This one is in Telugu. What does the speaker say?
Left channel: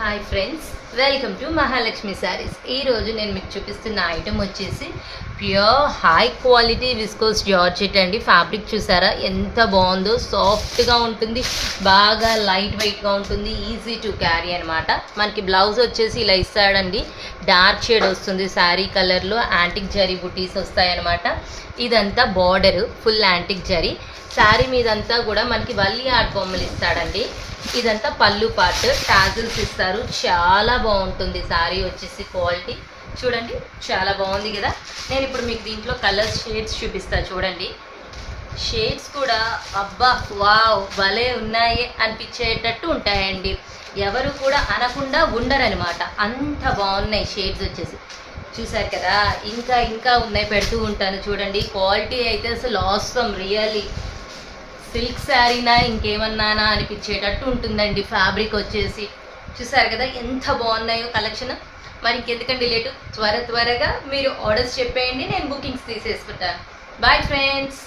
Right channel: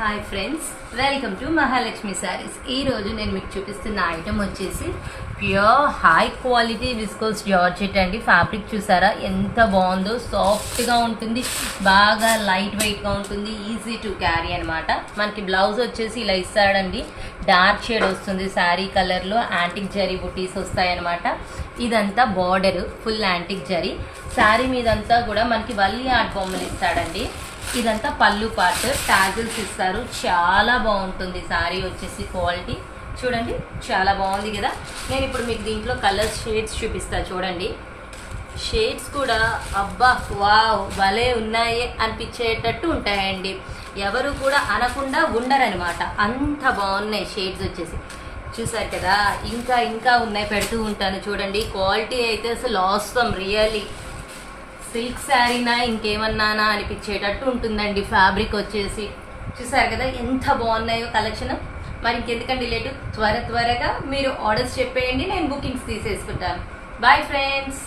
Hi friends, welcome to Mahalakshmi saris. ఈరోజు నేను మీకు చూపిస్తున్న ఐటెం వచ్చేసి pure high quality viscose georgette అండి. ఫ్యాబ్రిక్ చూసారా ఎంత బాగుందో, సాఫ్ట్గా ఉంటుంది, బాగా లైట్ వెయిట్గా ఉంటుంది, ఈజీ టు క్యారీ అనమాట. మనకి బ్లౌజ్ వచ్చేసి ఇలా ఇస్తాడండి, డార్క్ షేడ్ వస్తుంది, శారీ కలర్లో యాంటిక్ జరీ బుటీస్ వస్తాయన్నమాట. ఇదంతా border full antique zari, sari మీదంతా కూడా మనకి వల్లి ఆర్ట్ బొమ్మలు ఇస్తాడండి. ఇదంతా పళ్ళు పార్ట్, టాజిల్స్ ఇస్తారు, చాలా బాగుంటుంది శారీ వచ్చేసి. క్వాలిటీ చూడండి, చాలా బాగుంది కదా. నేను ఇప్పుడు మీకు దీంట్లో కలర్ షేడ్స్ చూపిస్తాను చూడండి. షేడ్స్ కూడా అబ్బా వావ్ భలే ఉన్నాయి అనిపించేటట్టు ఉంటాయండి. ఎవరు కూడా అనకుండా ఉండరనమాట, అంత బాగున్నాయి షేడ్స్ వచ్చేసి. చూసారు కదా, ఇంకా ఇంకా ఉన్నాయి, పెడుతూ ఉంటాను చూడండి. క్వాలిటీ అయితే అసలు ఆసమ్, రియల్లీ సిల్క్ శారీనా ఇంకేమన్నానా అనిపించేటట్టు ఉంటుందండి. ఫ్యాబ్రిక్ వచ్చేసి చూసారు కదా ఎంత బాగున్నాయో కలెక్షన్. మరి ఇంకెందుకండి లేటు, త్వరగా మీరు ఆర్డర్స్ చెప్పేయండి, నేను బుకింగ్స్ తీసేసుకుంటాను. Bye friends.